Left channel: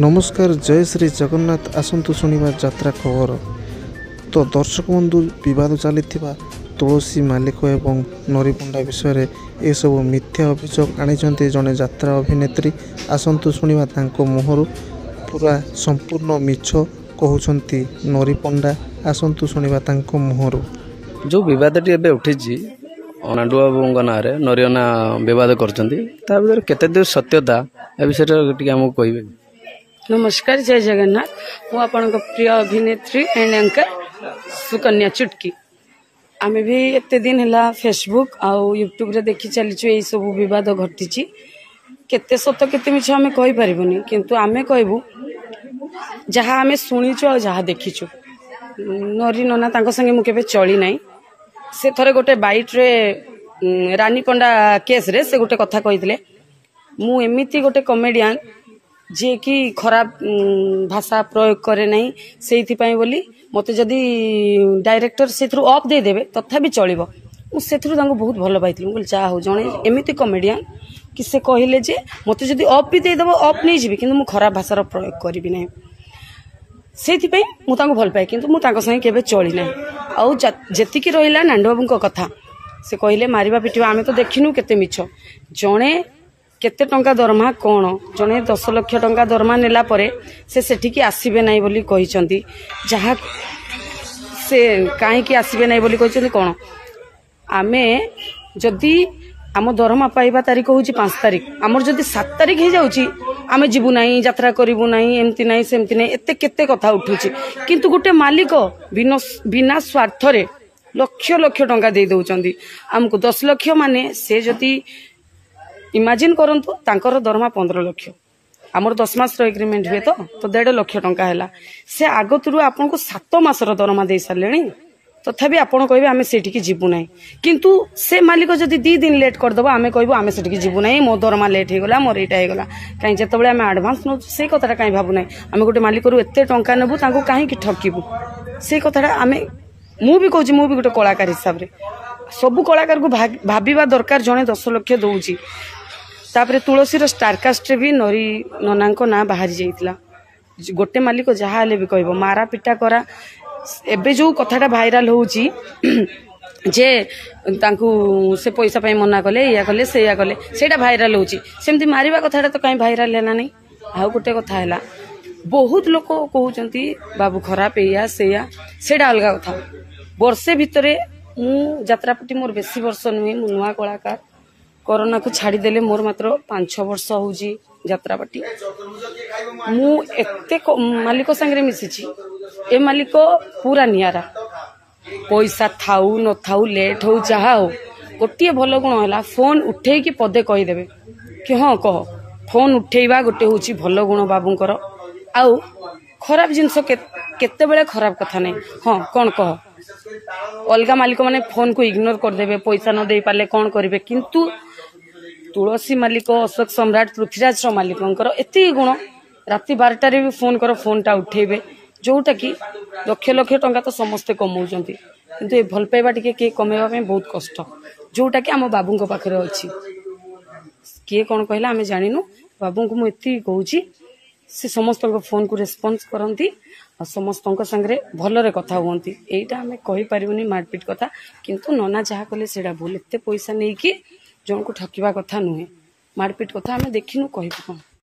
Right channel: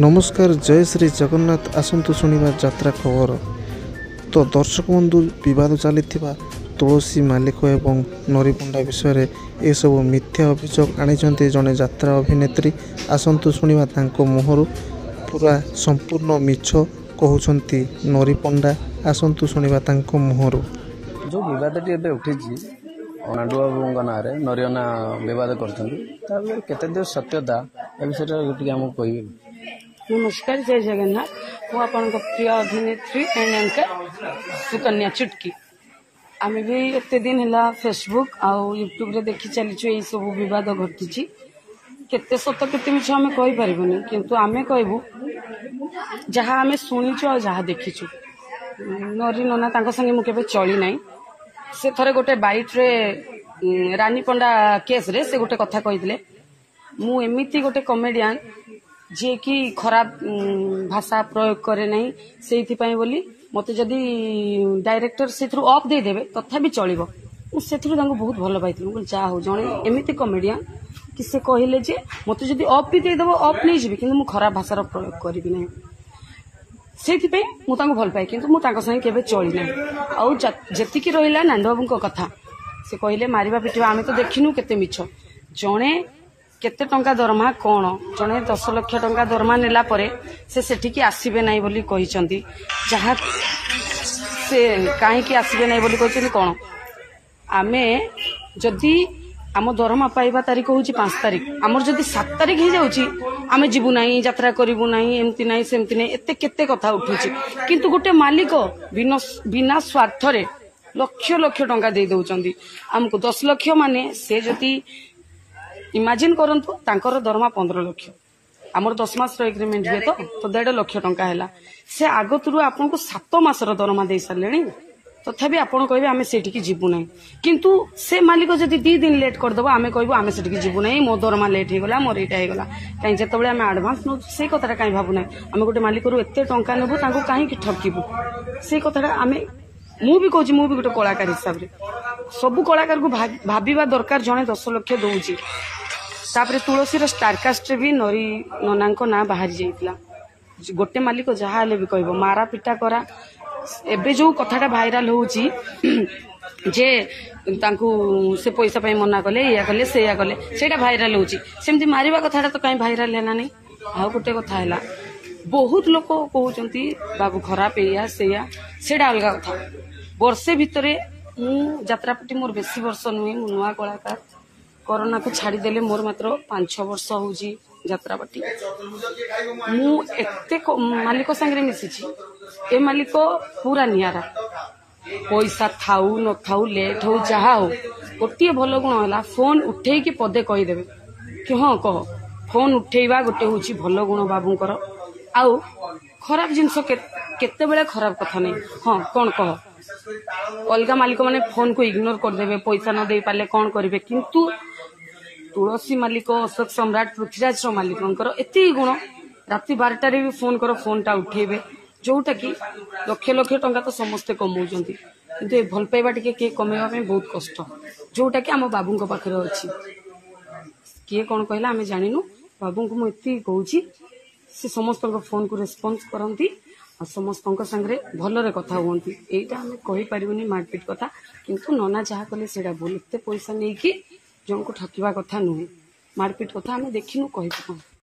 नमस्कार जय श्री जगन्नाथ आसतु शुणा यात्रा खबर। तो दर्शक बंधु बद चली तुलसी मालिक एवं नरीपंडा विषय ये सब मिथ्या अभियोग आनी जड़े यात्रा अभिनेत्री आसतु शुणा मुहर पूरा संपूर्ण मिछ कहते नरीपंडा आसतु शुणा मुहर जो बदटी एवं उठी नाडू बाबू ना नरियना बद कर सत्यता ए विषय आमको कहे। नमस्कार जय जगन्नाथ। मु आपण प्रिय अभिनेत्री एंड एंकर सुकन्या चुटकी। आम भी एत दिन है फेसबुक आउ यूट्यूब रे देखी चलीचु यही सब बद घटी केते सत केते मिछ आम कहि परिबनी किंतु आमे कहबू जहाँ आमे शुणीचु आ जहाँ देखीचु। नरी नना तांको संगे मु केबे चली नाही। से थरे गोटे बाइट रे रानी पंडा केस रे से गोटे कथा कहितले मु एमिति गोटे कॉमेडियन जे कि खराब भाषा प्रयोग करे नहीं से बोली मते जदि डायरेक्टर से ऑफ दे देबे तथापि चलिबो से बहुत भल पाइथि। बोल जा हो जणे एमिति कॉमेडियन कि से कहले जे मते जदि ऑफ भी दे देबो ऑफ नहीं जिबि किंतु मु खराब भाषार प्रयोग करिबि नहीं से मु तांको भल पाए किंतु मु तांको संगे केबे चली नहीं। आउ जेतिकी रहिला नांडबाबू को कथा से कहले मारिबा पिटिबा आमे तो देखिनु केते मिछ जणे केते टंका दरमा कौन जने 10 लाख टंका दरमा नेला परे से सेठिकी आसीबे नाही बोली कहिसंती जहा से काहे की आसीबे नाही बोली कहिसंती कोन आमे जदी आम दरमा पाइबा तारीख होची 5 तारीख आमर जदी 7 तारीख हे जाउची आमे जिबु नाही यात्रा करिबु नाही एमती नाही सेमती नाही एते केते कथा उठुची किंतु गोटे मालिक बिना स्वार्थ रे लक्ष लक्ष टंका दे दउचंदी हमको 10 लाख माने से जदी इमेजिन करंतु तांकर दरमा 15 लाख आमर 10 मास एग्रीमेंट हुए तो 1.5 लाख टंका है से आगतुरु आपन को 7 मास दरमा दे सारे तथापि आपण कहबे आमे सेठी जीवु नाही किंतु से मालिक जदि 2 दिन लेट कर दबो आमे कहबो आमे सेठी जीवु नाही मो दरमा लेट हे गला मोर एटा हे गला काई जेतबेले आमे एडवांस न से कथाटा काई भाबु नाही आमे गोटे मालिक रु एते टंका नेबु तांको काहे कि ठकीबु से कथाटा आमे मु भी कहूची मु भी गोटे कलाकार हिसाब रे सब कलाकार को भाबिबा दरकार जने 10 लाख दउची। तापरे तुलसीर स्टारकास्ट भी नरी नना ना बाहरी जाइतिला गोटे मालिक जहाँ भी कहबो मारा पिटा करा एबे जो कथाटा भाइराल होउची जे तांकू से पैसा पाई मना कले या कले से या कले सेटा भाइराल होउची सेमती मारिबा कथाटा तो काई भाइराल हैना नहीं। आ गोटे कथा हैला बहुत लोक कहउचंती बाबू खराब एया सेया सेटा अलगा कथा वर्षे भितरे मु यात्रापटी मोर बेसी वर्ष नुहे मु नुआ कलाकार कोरोना को छाड़ीदेले मोर मात्र 5-6 वर्ष होउची यात्रापाटी मु एते मालिक संगे मिसिची ए मालिक पूरा नियारा पैसा थाउ न थाउ लेट हो चाहा हो गोटे भल गुण है फोन उठे कि पदे कहीदेवे कि हाँ कह फोन उठेबा गोटे होची भल गुण बाबूंकर आउ खराब जिनस केते बेले खराब कथा नहीं हाँ कौन कह अलगा मालिक माने फोन को इग्नोर करदेवे पैसा न दे पाले कौन करेंगे किंतु तुलसी मालिक अशोक सम्राट पृथ्वीराज मालिक एत गुण राति 12 भी फोन कर फोन टा उठेबे जोटा कि लक्ष लक्ष टंका तो समस्ते कमाउछंती किंतु ए भल पाइबा टिके के कमेबा में बहुत कष्ट जोटा कि आम बाबू पाखरे अच्छी किए कौन कहला आम जानिनु बाबू को मुझे कहूँ से समस्त फोन को रेस्पॉन्स करती और समस्त संगे भलरे कथा हुंती एटा आम कहि परिबनी मारपीट कथा किंतु नना जहाँ कले सेटा भूल एते पैसा नहीं कि जन को ठकिबा कथा नुहे मारपीट कथा आम देखिनु कहबु।